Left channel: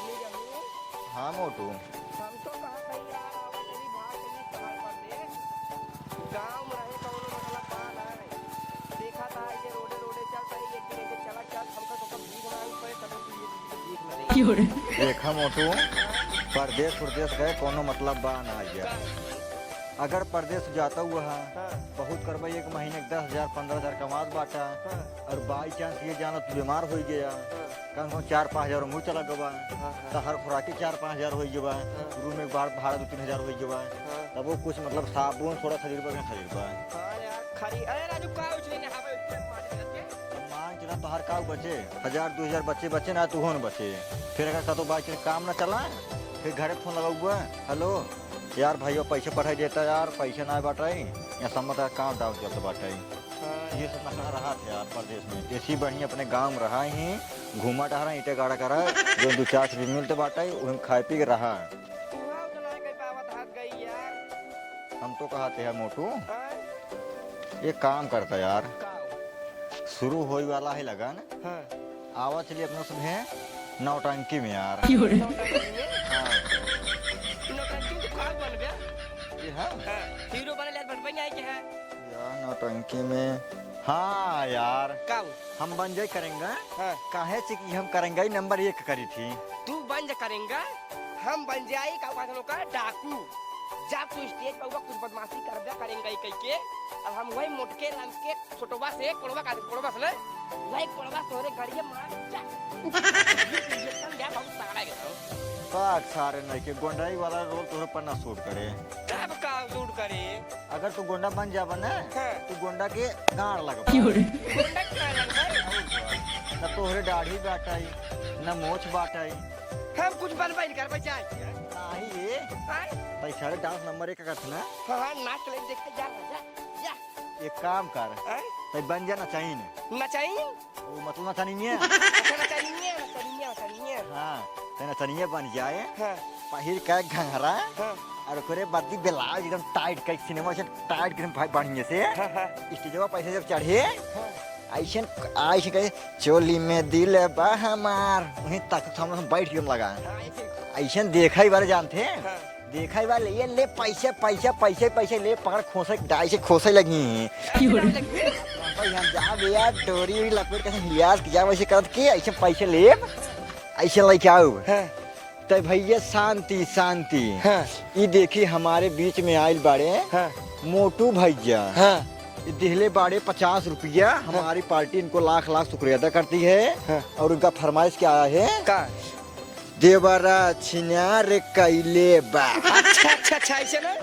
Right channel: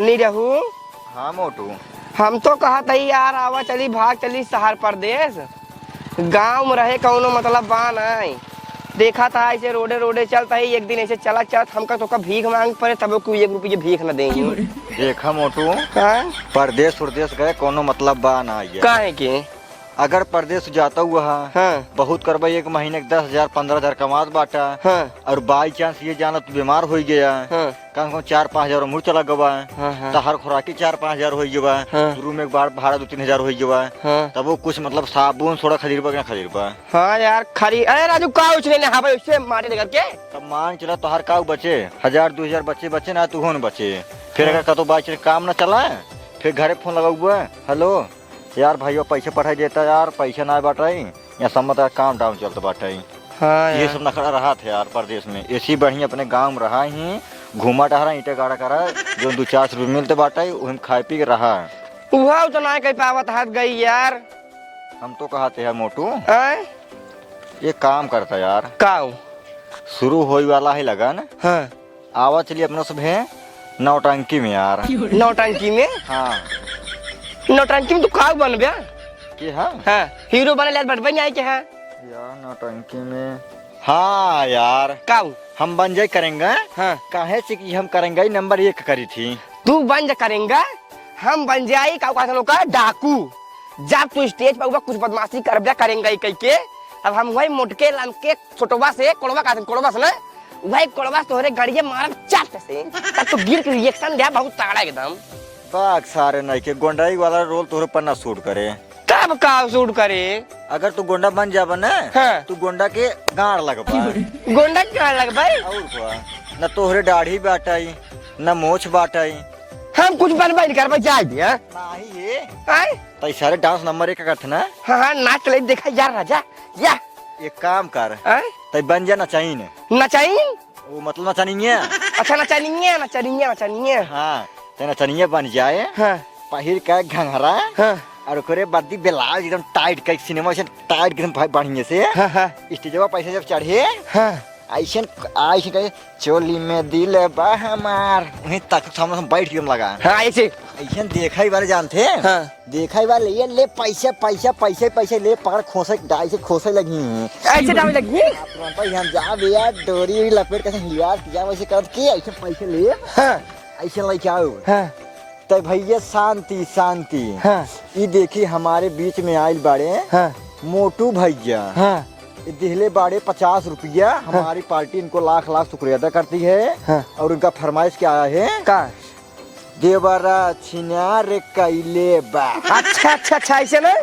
नहीं रहू। हाँ मोटू, हम तो कहा था यार आवा चली भाग चली शहर प्रदेश, गांव में रहे कौनो मतलब बा नहीं। देखा था ऐसे रोडे रोडे चलता है, एक दिन ऐसे चला चल हमका तो भीख मांग पड़े तब को 1 रुपये भीख न देंगे। देखा मोटू, परदेश प्रदेश गए कोनो मतलब बा ना ये। काहे के अगर परदेश जाता हुआ हाँ। बहुत करबा, एक महीने 10,000 15,000 कमात बाटा। हाँ। और बाई चांस ये जाना तू बीमार हो गया, हाँ। कम 4-5 हजार मुँह चला गवा। हाँ। तो हर खुराकी 4-5 हजार हो गवा। हाँ। रूम एक बार भाड़ा 2-3 हजार हो गवा। हाँ। तब वो कुछ मतलब साबुन सोडा खरीदबा ना खरीदबा। हाँ यार खरी, अरे राजू का उछले ने हाँ भाई उससे मारे लेकर के। तब मान चला तो हर का बचे 1000-2000 बचे ना तू हो न बचे। फिर अगर कतो बाई चले काम ना चला, फिर घरे फोन लगा हुआ, हेलो यार भाइयों पैसे पढ़ाई देता यार, पैसा ना बाटाई या सम्मत काम डाउन चलता बाटाई। हाँ ये सब नखड़ा रहा थे यार परदेश में। ऐसी बढ़िया अपने गांव में रहा ही, घूमा टहरा ईटे गाड़ा करा, जो 2-4 रुपये मिलते बाटाई उन खाई पी के रहा। वह तो ना कहीं पावत हाथ गई यार। हम तो कहते हैं मोटू आए? ये काम करता यार, काऊ शुरू होई वाला है लगन। हाँ। आवा चलिए अपना सब है नौटंकी में यार। नौटंकी में? हाँ। नौटंकी में तो काऊ बन गया कि हाँ हाँ हीरो बने ले बन जाए के। हाँ यार नौटंकी में, हाँ यार काऊ हम बन जाए करेंगे। हाँ। काहे से कि हम करेंगे नंबर 1 करी थी। तू बन जा करेंगा, हम बन जाए काऊ का डाकू। जब तू स्टेज पर कुछ बदमाशी कर दिया करेंगा कह के, अब हम वही मोटके लमके छोटवा से कोड़वा से ना वही कोड़वा तोहरे गड़िए मारब चाट से, तब तो गिर के रिएक्शन दे बहुत तगड़ा एकदम। बाग सारे नहीं के गोंडाई वाला रोल तोहरे पर ना शूट करे। तब का शूट करे? अगर तू गोंडा बन जाबा ना, हाँ। तू गोंडा के गाड़ लगबा। गोंडा क्या लग भाई? और क्या, न तोहरे दाढ़ी बाटाई न मोछ बाटाई। हम कुछ बनवा नहीं करवा जाए दिया नहीं ये आए? तो सारे डांस नंबर 1 करते ना। हाँ हाँ नाच ले देखा यार राजा या एक काम कर, आए? तै बन जा नचाई ने। नचाई? वो मतलब नचानिए। अच्छा नचानिए। हाँ ते नचानिए बन जाए। हाँ। पहिर के घंघरा। हाँ। और ओकरे बद्दी ब्लाउज एकदम टाइट के सिनेमा से टाइट एकदम भाई बढ़िया से। हाँ। हाँ। स्टेजवा पैसे जब चढ़े, हाँ। ऐसे कहे चोली में दिल बा हमार, वहीं तक सामने बैठ के लगा। हाँ ऐसे ऐसे देखा ही बार जानते। हाँ। देखा ही बार ले पैसे ले पकड़ खोसे डाई से खोसे लगी। ऐसे डाल लगी। हम जा भैया डोरी लपेट के लियाज किया वैसे कर के ऐसे पैसे ले। हाँ। ऐसे लेके आओ। हाँ। तो भैया शांति शांति। हाँ। ये देखी हमारे बीच में आयल बाड़े। हाँ। मोटू भैया। हाँ। दिहले बाड़े 50 रुपया। हमारी पार्टी इनको लाख शुक्रिया अदा करती है। हाँ। और उनका फरमाइश क्या आया है? का देवरा छिनार कैले बा। अच्छा ऐसे ना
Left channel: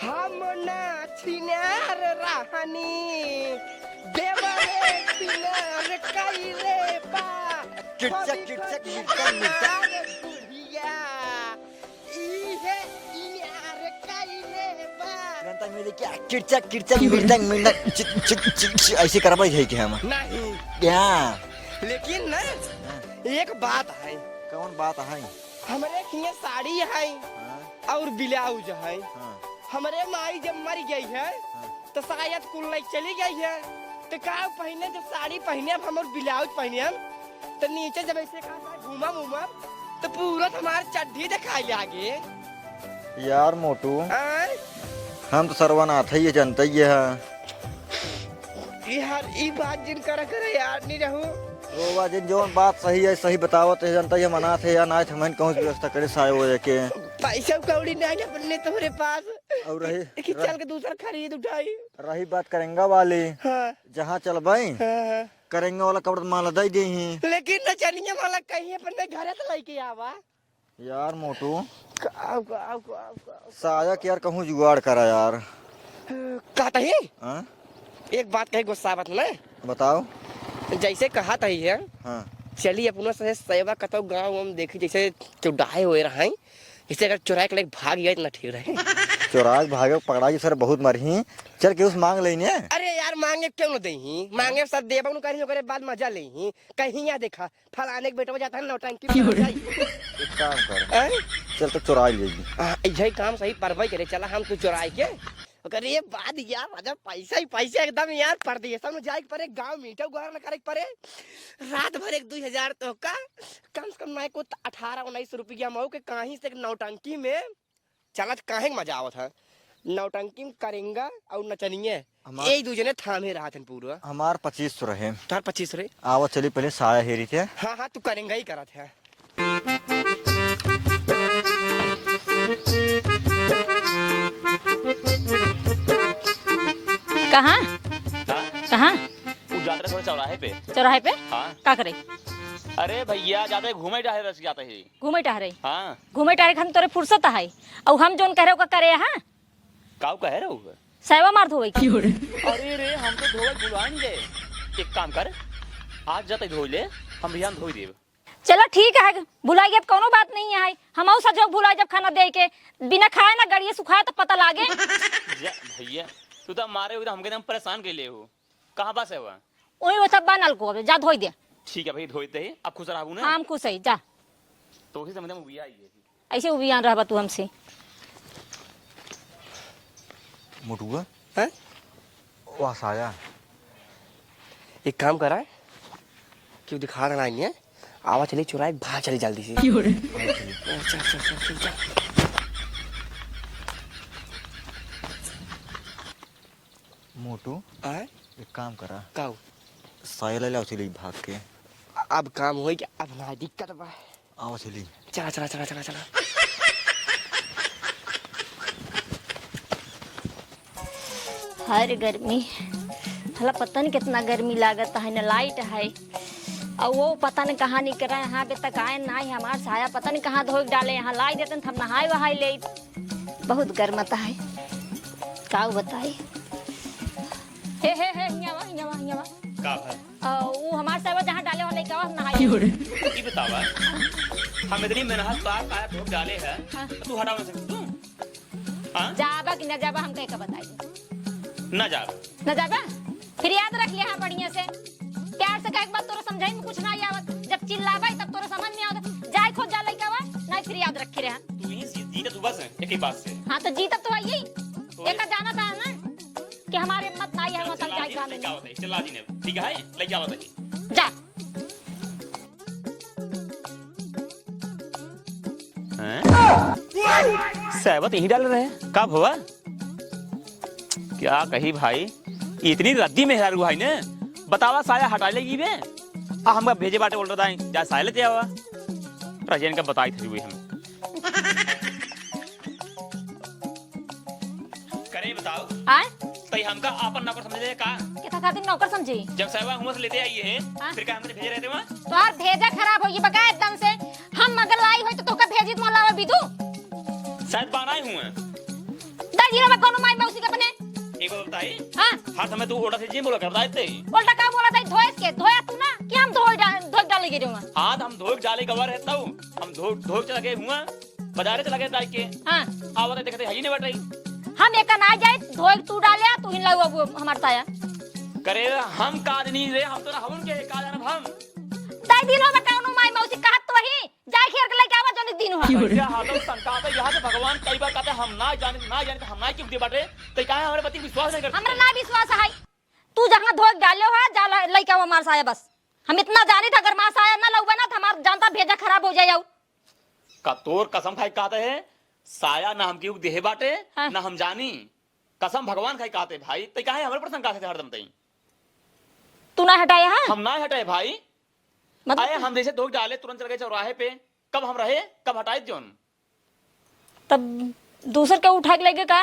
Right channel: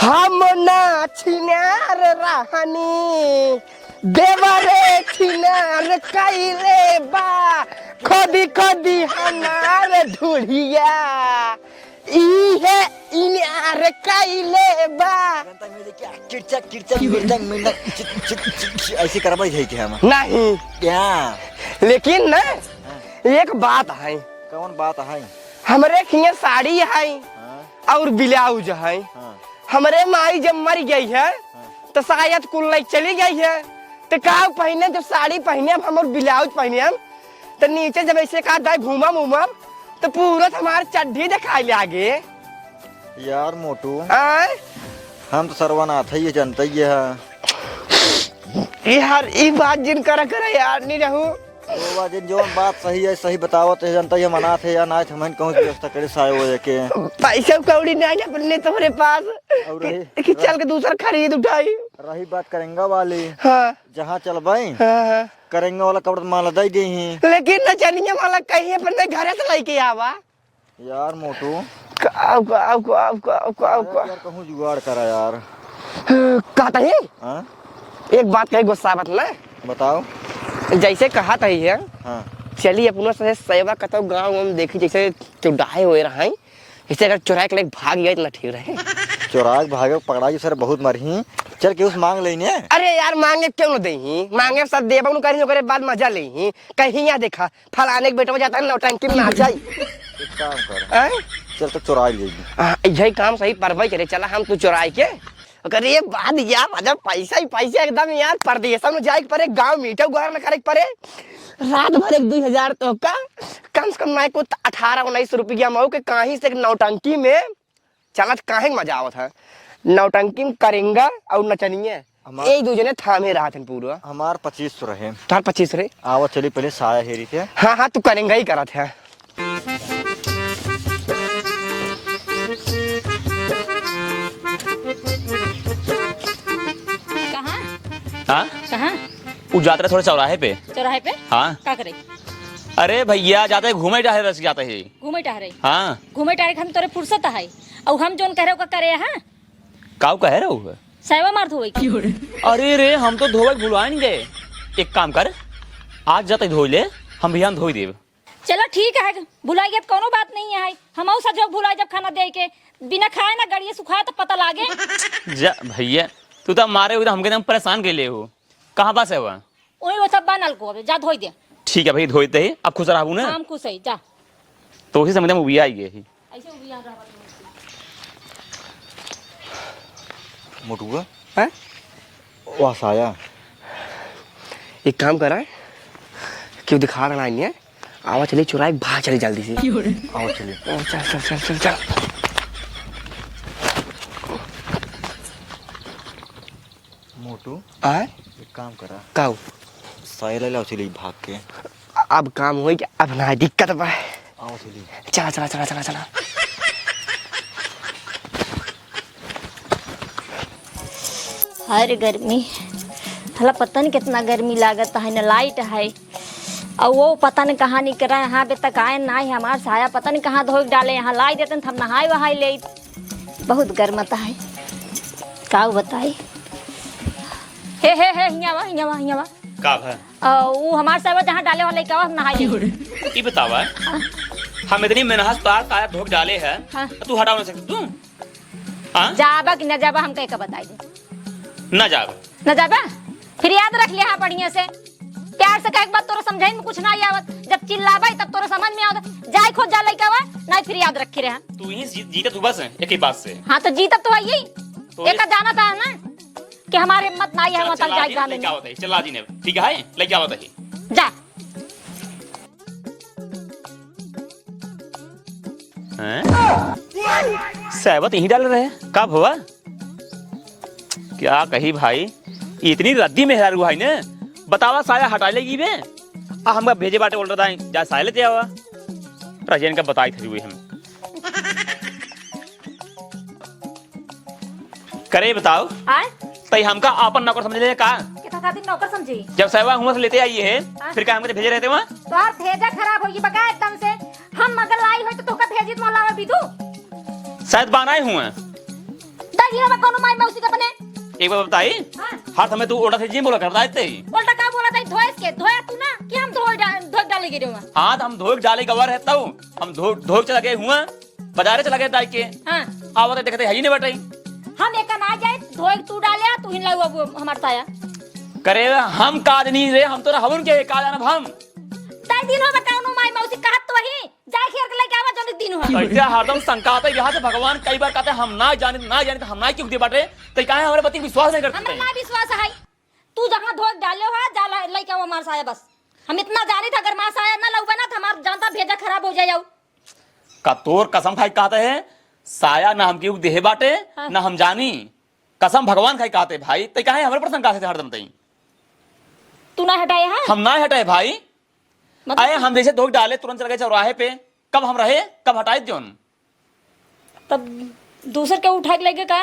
हम ना छिनार रहनी, देवरे छिनार कैले बा, खोदी हमार ढूढ़िया इहे इनार कैले बा। ऐसे करवाई थी कि हम नहीं क्या? लेकिन ना एक बात है। कौन बात है? हमरे खिया साड़ी है हाँ। और ब्लाउज है। हाँ। हमरे माई जब मर गई है तो शायद कुल नहीं चली गई है, तो का पहने जब साड़ी पहने हम और ब्लाउज पहने तो नीचे जब ऐसे का दाई घूमम तो पूरा हमारे चड्ढी दिखाई ले आगे। यार मोटू आए? हम तो सर्वनाथ है, ये जनता ही है यार ये बात जिन करा यार नहीं रहू। तो जो बात सही है सही बताओ तो जनता ये मना थे या ना थे, मैं कहूँ व्यवस्था करे साए हो के पैसा कौड़ी नहीं है पहले तुम्हारे पास और कि चल के दूसरा खरीद उठाई। रही बात करेंगे वाली। हाँ। जहाँ चल भाई हाँ। करेंगे वाला कपड़ा माला दे गई है। लेकिन न चलिए वाला कहीं पर नहीं घर से लेके आवा। यार मोटू काव यार कहूँ जुगाड़ करा यार। कहता है हाँ? एक बात कही गुस्सा मत ना बताओ। जैसे कहा था है हाँ। चलिए अपनों से सेवा कतो गाँव में देखी जैसे चौड़ाए हुए रहे, जैसे अगर चुराए के लेके भाग गए ना ठीक रहे। चौराग भागे पकड़ा सर बहुत मरही, चल के उस मांग लेने। अरे यार मांगे क्यों न देही, मांगे सब देबा नु करी करे बाद मजा लेही। कहीं यहाँ देखा फलाने के बेटा जाता है नौटंकी में आ जाए। चल तो चुरा लेगी। यही काम सही परवाही करे चला हम तो चुराए के अरे बाद यार राजा पैसा ही पैसा एकदम यार परदेश में जाए परे गांव मीठा गुहार न करे परे रात भर 1-2 हजार तो का कम से कम मैं को 18-19 रुपया मऊ के कहीं से नौटंकी में चलत काहे मजा आवत है नौटंकी में करेंगा और नचनिए एक दूजे ने थामे रहा था पूरा हमार 25 रहे तार 25 रे आवा चली पहले साया हेरी के हाँ हाँ तू करेंगा ही करा था कहाँ हाँ कहाँ वो जाते रहे थोड़े चौराहे पे चौराहे पे हाँ क्या करे अरे भैया जाते घूमे टहरे रस जाते है घूमे टहरे हाँ घूमे टहरे हम तोरे फुर्सत है और हम जोन कह रहे हो करे हाँ काऊ कहे रहे हो सेवा मार धोई अरे रे हम तो धोवे भुलवा नहीं गए एक काम कर आज जाते धो ले हम भी हम धोई देव चलो ठीक है भुलाइए तो कोनो बात नहीं है हम सजो भुलाए जब खाना दे के बिना खाए ना गड़िए सुखाए तो पता लागे जा भैया तू तो मारे हुए हमके एकदम परेशान के लिए हो कहाँ पास है वह वही वो सब बनल को जा धोई दे ठीक है भाई धोते ही अब खुश रहू ना हम खुश है जा तो उसी समय मूवी आई है ऐसे उबियान रहा तू हमसे मोटुआ हैं वाह साया एक काम करा क्यों दिखा रहा है आवा चले चुराए बाहर चले जल्दी से आओ चलिए चल चल चल चल चल मोटू आ एक काम करो काऊ साया ले लो चली भाग के अब काम हो गया अब ना दिक्कत बा आओ चली चला चला चला चला चला हर गर्मी थोड़ा पता नहीं कितना गर्मी लागत है न लाइट है और वो पता नहीं कहाँ निकल रहा है यहाँ पे तक आए ना ही हमारा साया पता नहीं कहाँ धो डाले यहाँ लाई देते हम नहाए वहाए ले बहुत गर्मता है का बताई हे हियावा का है वो हमारे साया जहाँ डाले वाले का नहाए ये बतावा हम इतनी मेहनत पार आया धोख डाले है हाँ। तू हटा नहीं सकती तू हाँ जाबा कि न जाबा हम कह के बताई ना जाओ न जाबा फिर याद रख लिया हाँ बढ़िया से प्यार से कहे बात तोरा समझाई में कुछ ना आवत जब चिल्लाबा तब तोरा समझ में आवत जाय खोज जा लइका वा नहीं फिर याद रखे रहा तू ही जीता तू बस एक ही बात से हाँ तो जीत तो है यही तो एक जाना था ना कि हमारे हिम्मत ना है वहाँ तक जाए जाने में चला दी ने ठीक है लेके आओ तही जा सहबत यही डाल रहे कब हुआ क्या कही भाई इतनी रद्दी में हेरा भाई ने बतावा साया हटा लेगी बे हम भेजे बाटे बोल रहा था जा साया लेते आवा रजन का बताई थी हुई हम करे बताओ आए तई हमका आपन नौकर समझ ले का कितना खातिर नौकर समझी जब सहवा हुआ से लेते आई है फिर क्या हमको भेजे रहते वहां तोहार भेजा खराब होगी बगा एकदम से हम मगर लाई हो तो तोका भेजी तो लावा बिदू शायद बनाए हुआ दादी रे कोनो माई मौसी के बने एक बार बताई हां हर समय तू उल्टा से जी बोला करता है बोलता का बोला था धोए के धोया तू ना कि हम धो डालेगी रे हाँ तो हम धोख डाले गवार रहता हूँ हम धोख चला गए हुआ बाजारे चला गए ताई के हां आवत देखते है ही नहीं बैठाई हम एक ना जाए धोए तू डाले तू ही लाऊ अब हमार साया करे हम काज नहीं रे हम तो हवन के का जानब हम ताई दिन हो बताऊनु माई मौसी कहत तो ही जाए खेर के लेके आवा जोन दिन हो ऐसे हरदम शंका आता है यहाँ से भगवान कई बार कहते हैं हम ना जाने तो हम ना क्यों दे बाटे तो काहे हमारे पति विश्वास नहीं करते हम ना विश्वास है तू जहां धोए डाले हो जा लेके आवा हमार साया बस हम इतना जानी था अगर मां साया ना लउबा ना तो हमार जानता भेजा खराब हो जाए का तोर कसम खाई कहते हैं साया ना हम क्यों देहे बाटे हाँ। ना हम जानी कसम भगवान खाई कहते भाई तो काहे हमारे पर शंका से हरदम तई तू ना हटाया है हम ना हटाए भाई मतलब आए हम जैसे धोख डाले तुरंत चल गए चौराहे पे कब हम रहे कब हटाए जोन तब दूसर के उठा के लेके का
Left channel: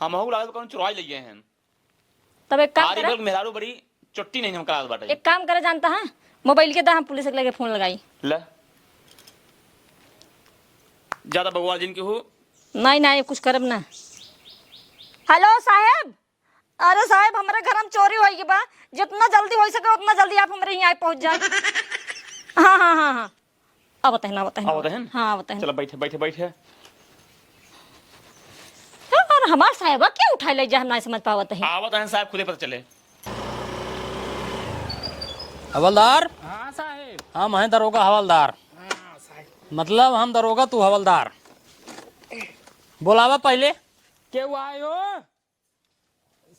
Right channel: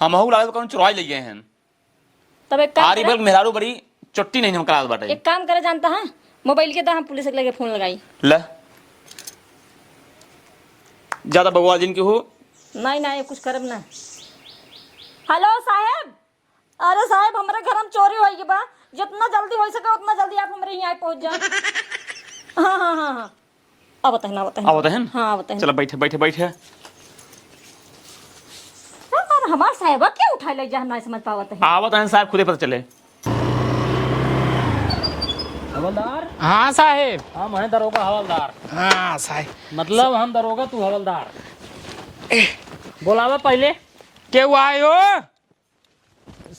हम हु लागे कौन चुराई ले गए हैं तब एक काम आरी बल मेहरारू बड़ी चुट्टी नहीं हम करा बाटे एक काम करे जानता है मोबाइल के दा हम पुलिस के लेके फोन लगाई ले ज्यादा बगवाल जिनकी हो नहीं नहीं कुछ करब ना हेलो साहब अरे साहब हमारे घर में चोरी होई के बा जितना जल्दी हो सके उतना जल्दी आप हमारे यहाँ पहुंच जाए हाँ हाँ हाँ हाँ अब बताए ना बताए अब बताए हाँ बताए चलो बैठे बैठे बैठे हमार साहब क्या उठा ले जा हम नहीं समझ पावत है आवत है साहब खुदे पता चले हवलदार हाँ साहेब हम हैं दरोगा हवलदार हाँ साहेब मतलब हम दरोगा तू हवलदार बोलावा पहले के आयो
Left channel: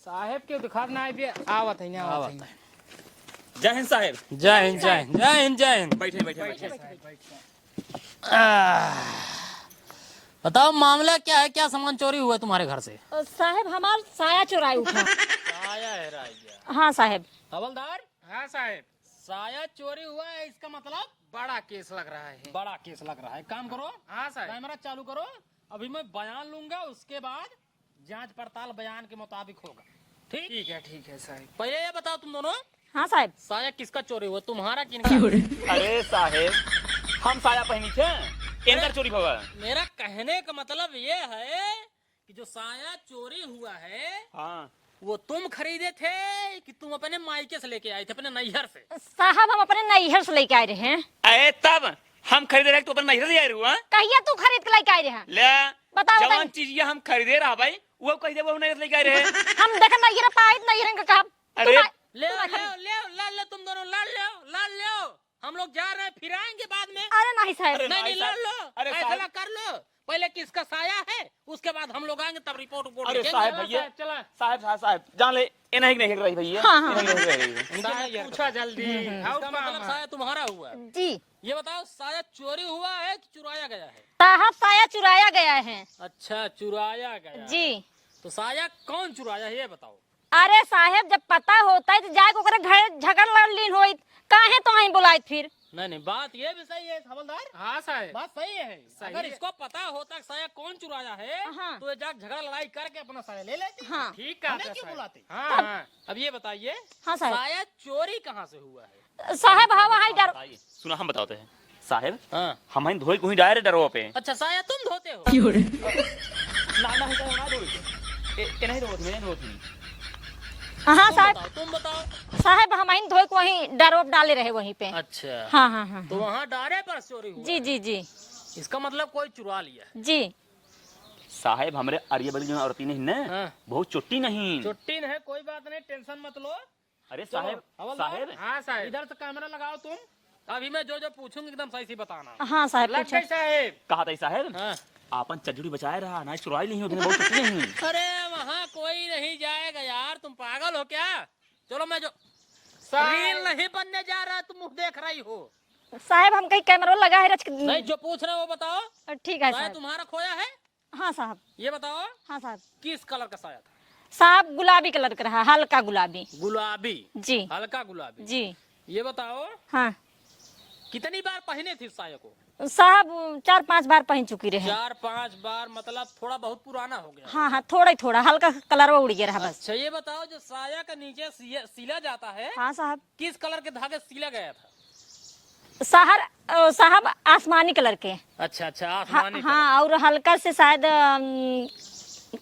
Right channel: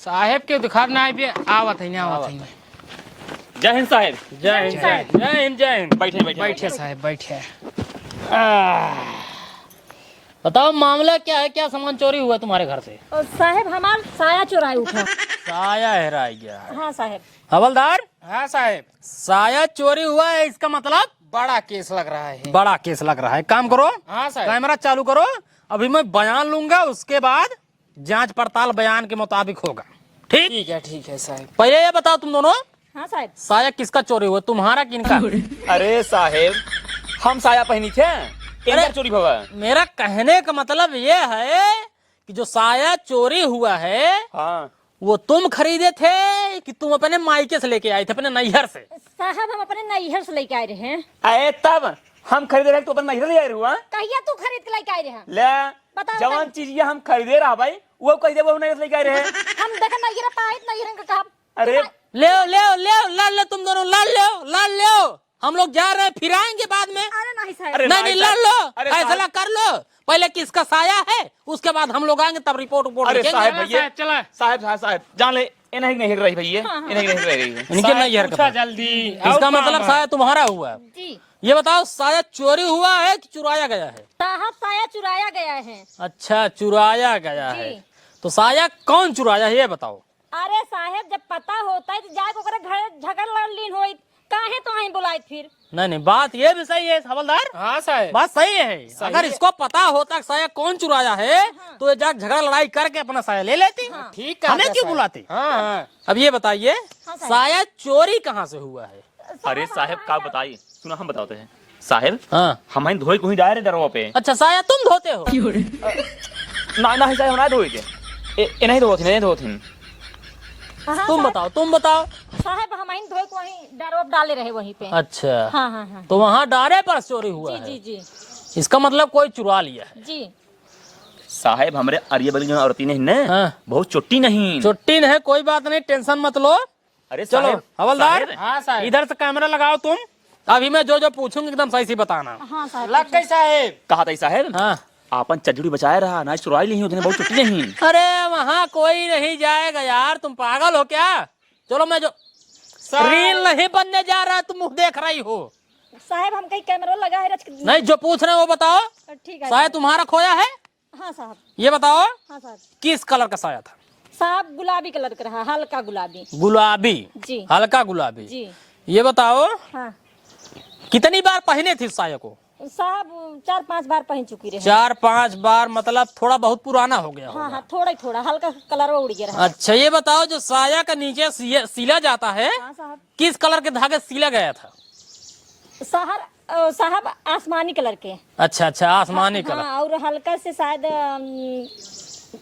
साहेब के दुकान में आए आवत है आवत है। जय हिंद साहब। जय हिंद जय हिंद जय हिंद जय हिंद। बैठे बैठे बैठे साहब बैठे। बताओ मामला क्या है, क्या सामान चोरी हुआ तुम्हारे घर से? साहेब हमार साया चुराए उठा। साया हेरा गया। हाँ साहेब। हवलदार, हाँ साहेब, साया चोरी हुआ है, इसका मतलब बड़ा केस लग रहा है। बड़ा केस लग रहा है। काम करो, हाँ साहब। कैमरा चालू करो। अभी मैं बयान लूंगा, उसके बाद जांच पड़ताल बयान के मुताबिक होगा। ठीक ठीक है साहब। पहले ये बताओ तुम दोनों, हाँ साहब। साया किसका चोरी हुआ, तुम्हारा किनका? अरे साहेब, हम साया पहनी थे, इनका चोरी हुआ। मेरा कहने का मतलब ये है कि जो साया चोरी हुआ है हाँ। वो तुम खरीदे थे कि तुम अपने मायके से लेके आए थे, अपने नैहर से? साहब हम अपने नैहर से लेके आए रहे हैं। अरे तब हम खरीदे रहे तो अपन नहीं ले हुआ। कहिया तू खरीद के लेके आए रहे हैं? ले बताओ जवान चीज ये हम खरीदे रहा भाई, वो कह दे वो नहीं लेके आए रहे। हम देखा नैहर पाए नैहर का काम। अरे ले लाल ले, तुम दोनों लाल लो। हम लोग जा रहे हैं, फिर आएंगे बाद में। अरे नहीं साहब। अरे नहीं लाल लो, अरे फैसला कर लो। पहले किसका साया है, उसके बाद हम लोग आएंगे, तब रिपोर्ट अरे साहब हाँ, भैया, साहब, चला। साहब जान ले, इन्हें नहीं रही भैया, इन्हें नहीं रही। इनके नैहर का। जल्दी। इसका मतलब साया तुम्हारा हुआ है। जी ये बताओ, साया चोरी हुआ है कि चुराया गया है? साहब साया चुराया गया है। अच्छा, चुराया गया है। जी। तो साया कौन चुराया है ये बताओ। अरे साहब जब पता होता है तो जाके ओकरे घर झगड़ लड़ होई, काहे तो आई बुलाए फिर? नहीं बात ये भी सही है हवलदार, हाँ साहब। बात सही है। अगर इसको पता होता कि साया कौन चुराया है तो ये जाके झगड़ा लड़ाई करके अपना साया ले लेती। ठीक है, हमें क्यों बुलाती? हाँ। अब ये बताइए, हाँ, साहब। साया चोरी कहाँ से हुआ है? साहब हम आप वहाँ बताइए, सुना हम बताते हैं साहब। हाँ। हमारे धोई को ही डायरे डरो पे। अच्छा, साया तुम धोते हो? ना साहब ना धोई के नहीं धोती, नहीं धोती। हाँ तुम साहब। बताओ। साहब हम इन धोए को वहीं डरोप डाले रहे वहीं पे। अच्छा, हाँ। तो वहाँ डारे पर चोरी हुआ है। जी। इसका मतलब कोई चुरा लिया है। जी साहेब हमारे अरिया बली जो औरती नहीं न, हाँ। बहुत चोटी नहीं। छुट्टी नहीं, कोई बात नहीं, टेंशन मत लो। अरे चलो साहेब, हवलदार, साहेब, हाँ साहब। इधर से कैमरा लगाओ तुम। अभी मैं जो पूछूंगी एकदम सही से बताना। हाँ साहब। लग गई साहब। कहा था साहेब, हाँ। आपन चजड़ी बचाए रहा ना, चुराई नहीं, उतने बहुत चोटी नहीं। अरे वहाँ कोई नहीं जाएगा यार, तुम पागल हो क्या? चलो मैं जो रील नहीं बनने जा रहा, तुम मुँह देख रही हो। साहब हम कहीं कैमरा लगा है नहीं, जो पूछ रहे हो वो बताओ। ठीक है साया तुम्हारा खोया है? हाँ साहब। ये बताओ, हाँ साहब। किस कलर का साया था? साहब गुलाबी कलर का रहा, हल्का गुलाबी। गुलाबी। जी। हल्का गुलाबी। जी। ये बताओ, हाँ कितनी बार पहने थी साया को? साहब 4-5 बार पहन चुकी रहे। 4-5 बार, मतलब थोड़ा बहुत पुराना हो गया होगा। हाँ थोड़ा हल्का कलर वो उड़ गया रहा। अच्छा, ये बताओ, जो साया का नीचे सिला जाता है, हाँ साहब। किस कलर के धागे सिला गया था? साहब आसमानी कलर के। अच्छा, आसमानी कलर। हाँ, और हल्का से शायद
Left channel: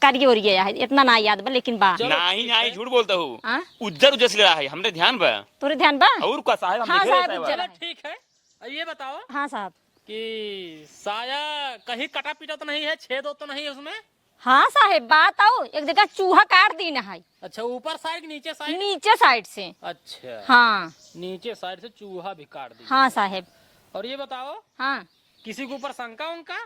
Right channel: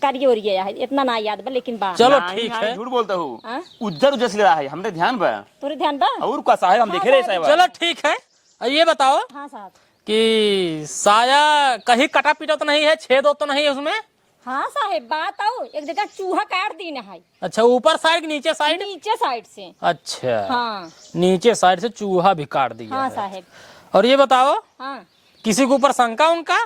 कारिये उड़ गया है, इतना ना याद बा लेकिन बा। चलो नहीं, ठीक नहीं, है। झूठ बोलता हूँ। हाँ? उज्जर से ले रहा है, हमने ध्यान बा। तोरे ध्यान बा? और का साहेब हम हाँ, देखे रहे साहब, साहेब। चलो ठीक है। अब ये बताओ हाँ साहब। कि साया कहीं कटा पीटा तो नहीं है, छेद तो नहीं है उसमें? हाँ साहब, बात आओ, एक जगह चूहा काट दी ना है। अच्छा, ऊपर साइड नीचे साइड? नीचे साइड से। अच्छा। हाँ नीचे साइड से चूहा भी काट दिया हाँ है। साहब। और ये बताओ, हाँ किसी के ऊपर शंका उनका?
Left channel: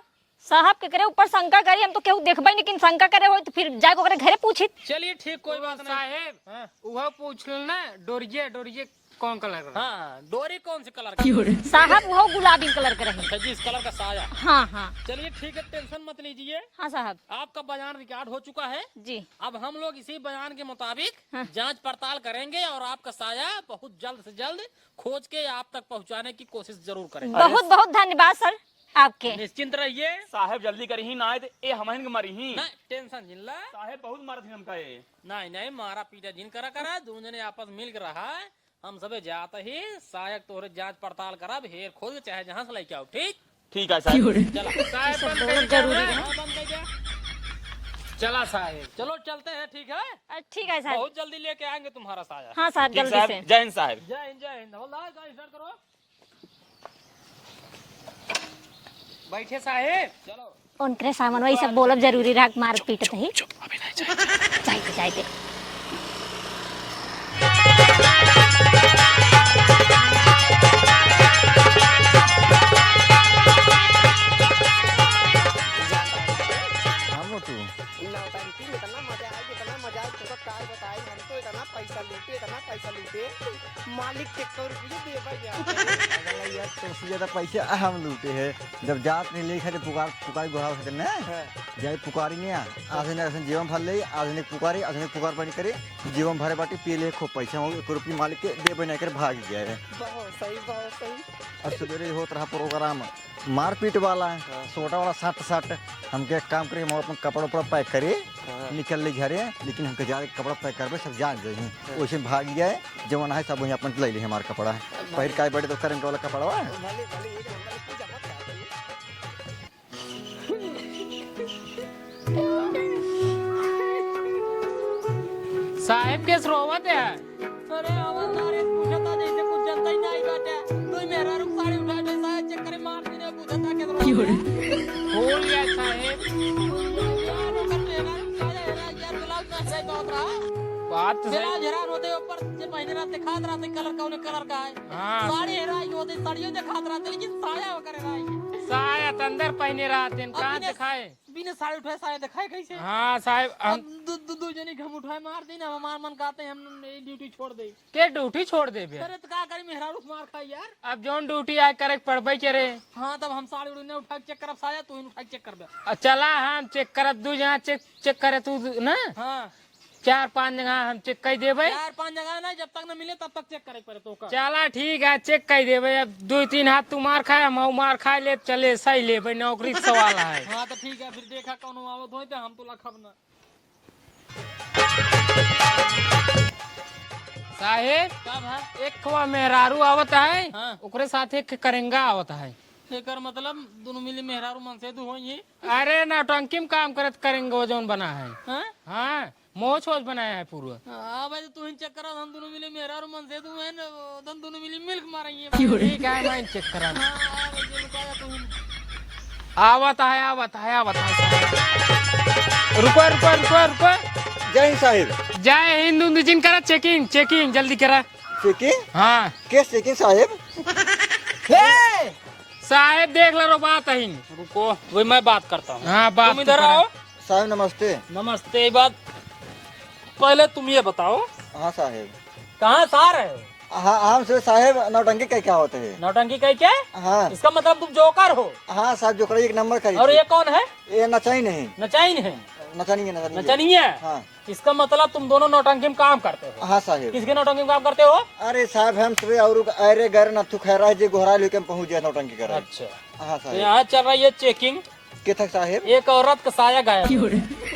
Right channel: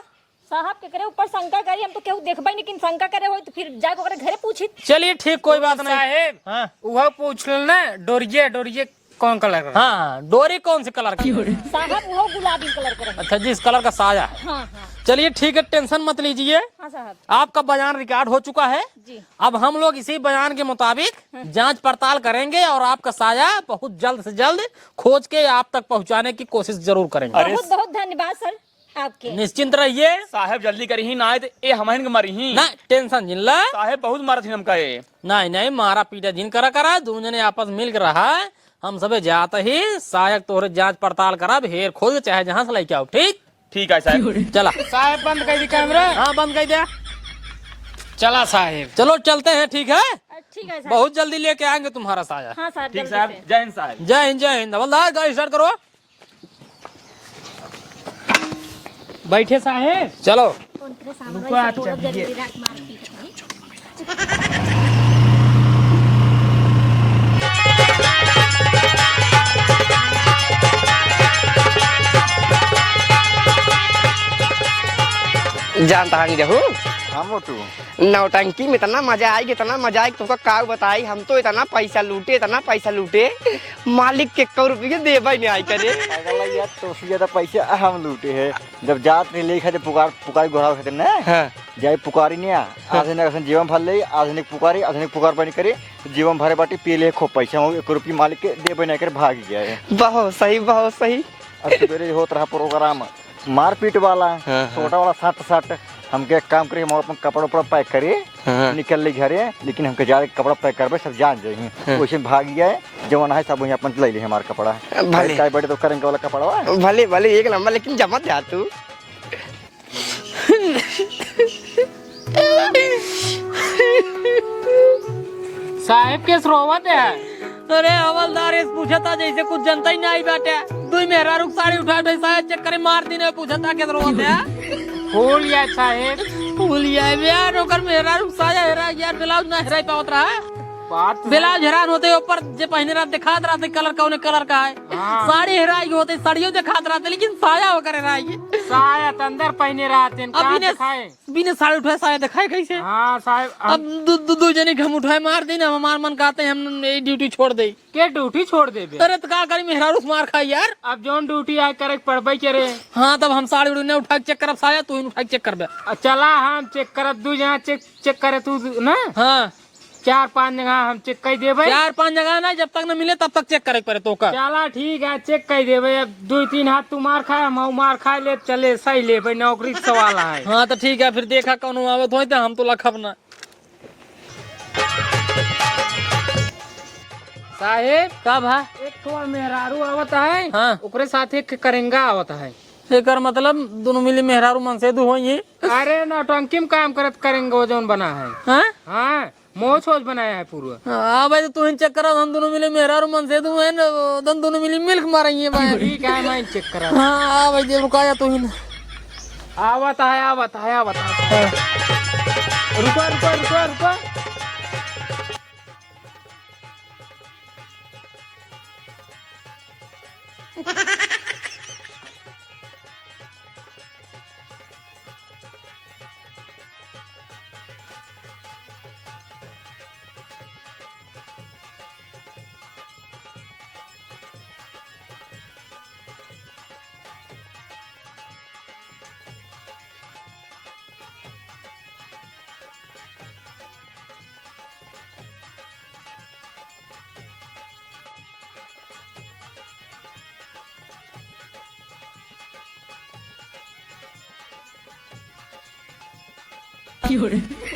साहब के करे ऊपर शंका करी, हम तो केहू देखबे लेकिन शंका करे हो तो फिर जाके ओकरे घरे पूछे। चलिए ठीक, कोई बात नहीं। साहेब हाँ वह पूछ लेना, डोरिये कौन कलर का? हाँ, डोरी कौन सी कलर का? साहब वो गुलाबी कलर के रहे। अच्छा, जिस कलर का साया है। हाँ चलिए ठीक है, टेंशन मत लीजिए, हाँ साहब। आपका बयान रिकॉर्ड हो चुका है। जी अब हम लोग इसी बयान के मुताबिक जांच पड़ताल करेंगे और आपका साया बहुत जल्द से जल्द खोज के आप तक पहुंचाने की कोशिश जरूर करेंगे। बहुत बहुत धन्यवाद सर आपके। निश्चिंत रहिए, साहेब जल्दी करी ही ना, ये हमारे के मरी ही। ना टेंशन जिनला। साहेब बहुत मारा थी हमका ये। नहीं, मारा पीटा जिन करा दोनों जने आपस मिल कर रहा है। हम सबे जाते ही सायक तोहरे जांच पड़ताल करा, हेर खोज चाहे जहाँ से लेके आओ। ठीक है साहेब। चला। साहेब बंद कर दी कैमरा। हाँ, बंद कर दिया। चला साहेब। चलो चलते हैं, ठीक है? ठीक है साहब। बहुत जल्दी लेके आएंगे तुम्हारा साया। हाँ साहब ठीक जल्दी साहब, से। जय हिंद साहब। जय हिंद, जय हिंद। हवलदार, गाड़ी स्टार्ट करो। बैठे साहेब। चलो। उनके सामान वही सब बोलब जरूरी रहा, मार पीट नहीं। जानता है जहू हम हो तू? नौटंकी में इतना मजा आएगी, इतना मजा आएगी, तुमको का बताई। हम तो इतना पैसा लूटे, मालिक के 1 रुपये देवे नहीं आई करे। अगला यार तो उससे ज्यादा पैसे हम लूटे हैं। जब जात नहीं ले खाते पुकारी घोड़ा खाते ना, जाए पुकारी नहीं आधुनिक जीवन भर ले, आधुनिक पुकार बनी करे, जीवन भरे बाटी पी ले खूब पैसा हो, 1 रुपये मालिक के देवे नहीं करे भाग गया है। बहुत सही। अब सवेरे होता रहा प्रोग्राम मारपीट वाला, छोटा वाला सट हमके एक काम करिए, हम अपन कपड़ा उपड़ा पैक करिए, निकल ली घरे, लेकिन हमके जा कपड़ा पैक करबे सब जान जाइए। वैसे भाग गए जवान है सब वहीं अपन ले ली हमारा कपड़ा, भले बड़े तो करेंगे वाला कपड़ा भले 1 नंबर, लेकिन जमा जा तू। साहेब के रोवत है। अरे हवलदार इस पूछा था जैसे कुछ जनता ही नहीं बैठे। तू मेरा रुख साड़ी उठा दे साहब, चेक करे मार दी ने पूछा था के रोवत है। भूल गया साहेब, भूल गया यार, ओकर मेरा रुख साया हेरा यार, ब्लाउज ना हेराई पावत रहा। ब्लाउज हैरान होते ऊपर जे पहने रात दिखात रहते कलर कौन कलर का है, साड़ी हेराई होते साड़ियों दिखात रहते, लेकिन साया होकर हेराई। साया अंदर पहने रहते हैं, कहाँ दिखाए? बिना साड़ी उठाए साया दिखाए कैसे? हाँ साहेब, अब दो जने हम उठाए मार देना, हमार मन कहते हैं हम ये ड्यूटी छोड़ दे। के ड्यूटी छोड़ दे? अरे तो का करी, मेहरा रुख मार खाई यार। अब जोन ड्यूटी आए करे पड़बे करे। हाँ तब हम साड़ी उड़ी उठा के चेक करब साया, तू उठा के चेक करबे। चला हम चेक करब, 2 जगह चेक करे तू ना। हाँ 4-5 जगह हम चेक कर देवे। 4-5 जगह ना, जब तक न मिले तब तक चेक करे पड़े तो का। चला ठीक है, चेक कर देवे। अब 2-3 हाथ तू मार खाए, हम मार खाए ले, चले सही ले भाई, नौकरी का सवाल है। हाँ तो ठीक है, फिर देखा कौन आवत हो तो हम तो लखब ना। साहेब कब है? एक थोड़ा मेहरारू आवत है, हाँ ओकरे साथ एक करेंगा आवत है। एकर मतलब दोनों मिली मेहरारू मनसेदू हो ये। अरे ना टंकी में काम करत करेंगे जोन बना है। हाँ हाँ मोच वोच बनाया है पूरा। हाँ भाई, तो तू इन चेक करा, हम दोनों मिले मेहरारू मनसेदू है ना, दोनों मिली मिल्क मारेंगे भाई। ठीक है मैं चेक करा। हाँ भाई जे रुकाया तू ही। आवत है। रुको। जय हिंद साहिब। जय हिंद जिन करा चेकिंग जल्दी करा। चेकिंग? हाँ के चेकिंग साहिब? साहेब देख लो बात है। रुको वही मैं बात करता हूँ। हाँ बात तुम इधर आओ। साहिब नमस्ते। नमस्ते। ये बात पहले तुम ये बताओ, हाँ साहिब। कहाँ सार है? हाँ हम से साहिब नौटंकी क्या होते हैं? नौटंकी कह क्या? हाँ इसका मतलब तुम जोकर हो। हाँ साहब जो करे 1 नंबर करिए। और ये कौन है? ये नचाई नहीं, नचाइन है। नचनी है। हाँ इसका मतलब तुम दोनों नौटंकी में काम करते हो। हाँ साहिब। किसके नौटंकी में काम करते हो? अरे साहब हम सुबह और अरे घर नथु खैरा जे घोड़ा लेके पहुंच गया नौटंकी कर। अच्छा हाँ साहिब। यहाँ चल रही है चेकिंग। के तक साहिब? एक औरत का साया गायब।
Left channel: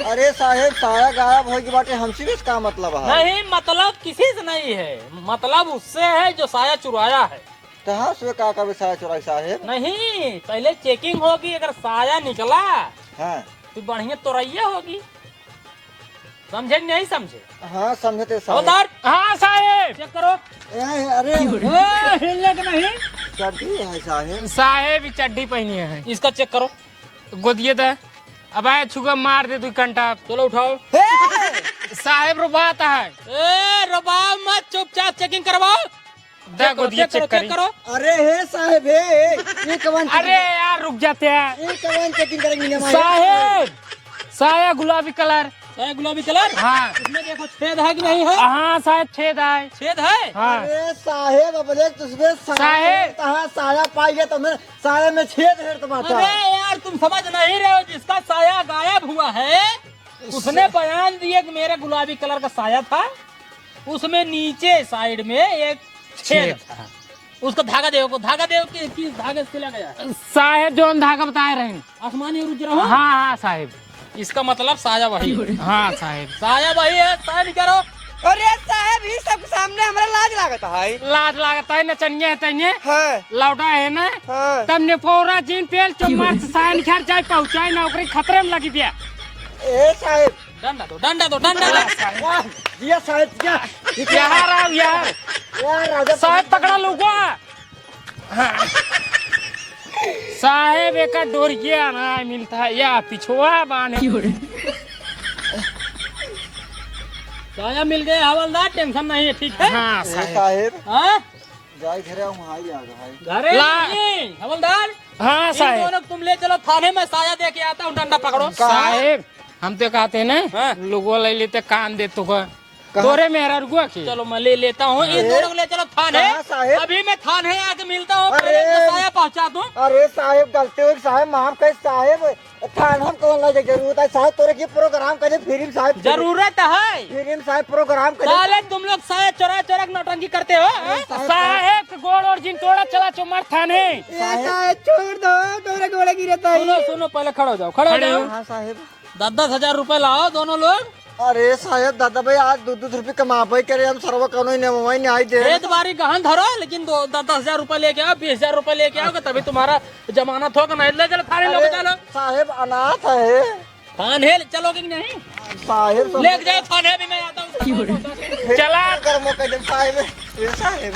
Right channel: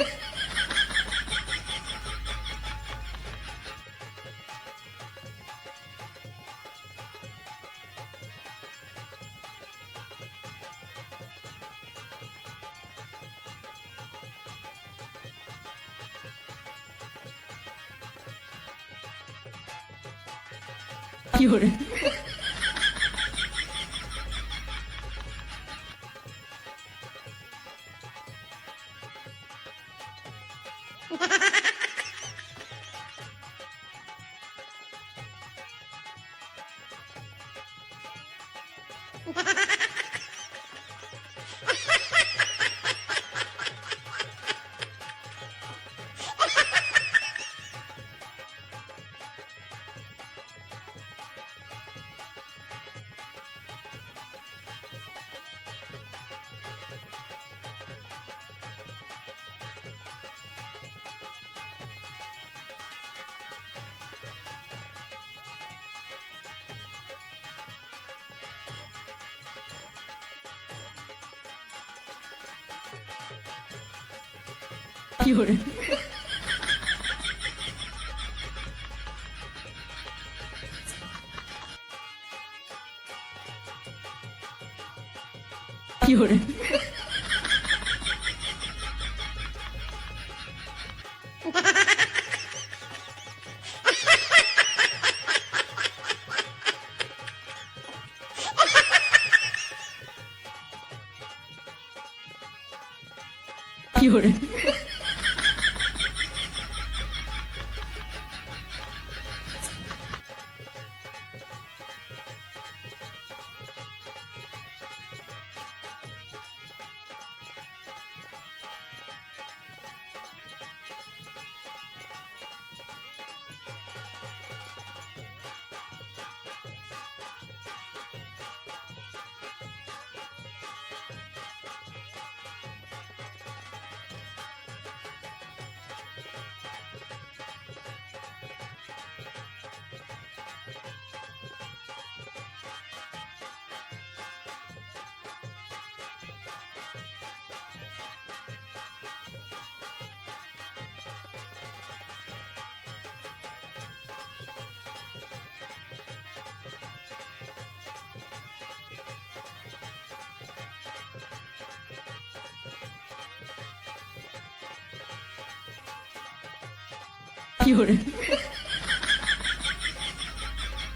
अरे साहिब साया गायब हो की बातें हमसे भी इसका मतलब है? नहीं, मतलब किसी से नहीं है, मतलब उससे है जो साया चुराया है। कहाँ से का साया चुराई साहिब? नहीं, पहले चेकिंग होगी, अगर साया निकला हाँ तो बढ़िया तोरैया होगी। समझे नहीं समझे? हाँ समझते हवलदार। हाँ साहेब चेक करो। अरे हिलने के नहीं। चड्डी है साहिब। साहेब चड्डी पहनी है। इसका चेक करो। गोदिए दे। अब आए छुगा मार दे 2 घंटा। चलो उठाओ। साहेब रो बात है। रबाब मत, चुपचाप चेकिंग करवाओ। दे गोदिए चेक करो। अरे हे साहिब ये कवन? अरे यार रुक जाते हैं। ये कवन चेकिंग करेंगे? साहेब साया गुलाबी कलर। गुलाबी कलर। हाँ इसमें देखो छेद है कि नहीं है? हाँ साहेब छेद है। छेद है। हाँ अरे साहेब अपने तुझमें साहेब कहाँ साया पाई गया? तुम्हें साया में छेद है तुम्हारा। अरे यार तुम समझ नहीं रहे हो, जिसका साया गायब हुआ है उसने बयान दिए कि मेरे गुलाबी कलर का साया था, उसमें नीचे साइड में एक छेद था। उसको धागा दे कि धागे से लगा गया। साहेब जो धागा बता रहे हैं आसमानी रुच रहा हूँ। हाँ साहेब। इसका मतलब साया वही। हाँ साहेब साया वही है, साया निकालो। अरे साहब ये सब सामने हमारा लाज लागत है। लाज लागता है नचनिया है तैने हाँ लौटा है ना। हाँ। तब ने पूरा जीन पेल चुम्मा साइन खैर जाए पहुंचाए नौकरी खतरे में लगी दिया। ए साहेब डंडा दो। ये साहेब क्या यार साहेब पकड़ा लोगो। साहेब एक डोरिया ना मिलता है या पिछुआ बाने। साया मिल गए हवलदार, टेंशन नहीं है, ठीक है। हाँ साहेब हाँ जाई घरे वहाँ ही आ गया घरे ला- नहीं, हवलदार। हाँ इन साहेब। दोनों तुम ले चलो थाने में, साया दे के आता हूँ, डंडा पकड़ो। साहेब हम तो कहते हैं ना हाँ। लोगों ले लेते कान दे तो तोरे मेहरा रुआ के चलो मैं ले लेता हूँ इन दोनों को ले चलो थाने। कहाँ साहेब? अभी मैं थाने आके मिलता हूँ, अरे। पहले तो साया पहुँचा दूँ। अरे साहेब गलती हुई साहेब माफ कर साहेब थाना हम कौन लगे जरूरत है साहेब तोरे की प्रोग्राम करे फिर साहेब जरूरत है फिर साहेब प्रोग्राम करे साले तुम लोग साया चोरा चोरा नौटंकी करते हो हाँ? साहेब गोड़ और जिन तोड़ा चला चुमार थाने छोड़ दो तोरे गोड़े गिरता सुनो सुनो पहले खड़े हो जाओ, खड़े हो जाओ। हाँ साहेब 10,000 रुपए लाओ दोनों लोग। अरे साहेब दादा भाई आज 2-2 रुपये कमा पाई करे हम सर्व कौन ही नहीं आई दे एक बारी गहन धरो, लेकिन 10,000 रुपए लेके आओ, 20,000 रुपए लेके आओगे तभी तुम्हारा जमानत होगा। नहीं ले चलो थाने लोग चलो साहेब अनाथ है थाने चलोगे कि नहीं? साहेब ले जाओ थाने भी मैं आता हूँ। चला कर मौका जब साहेब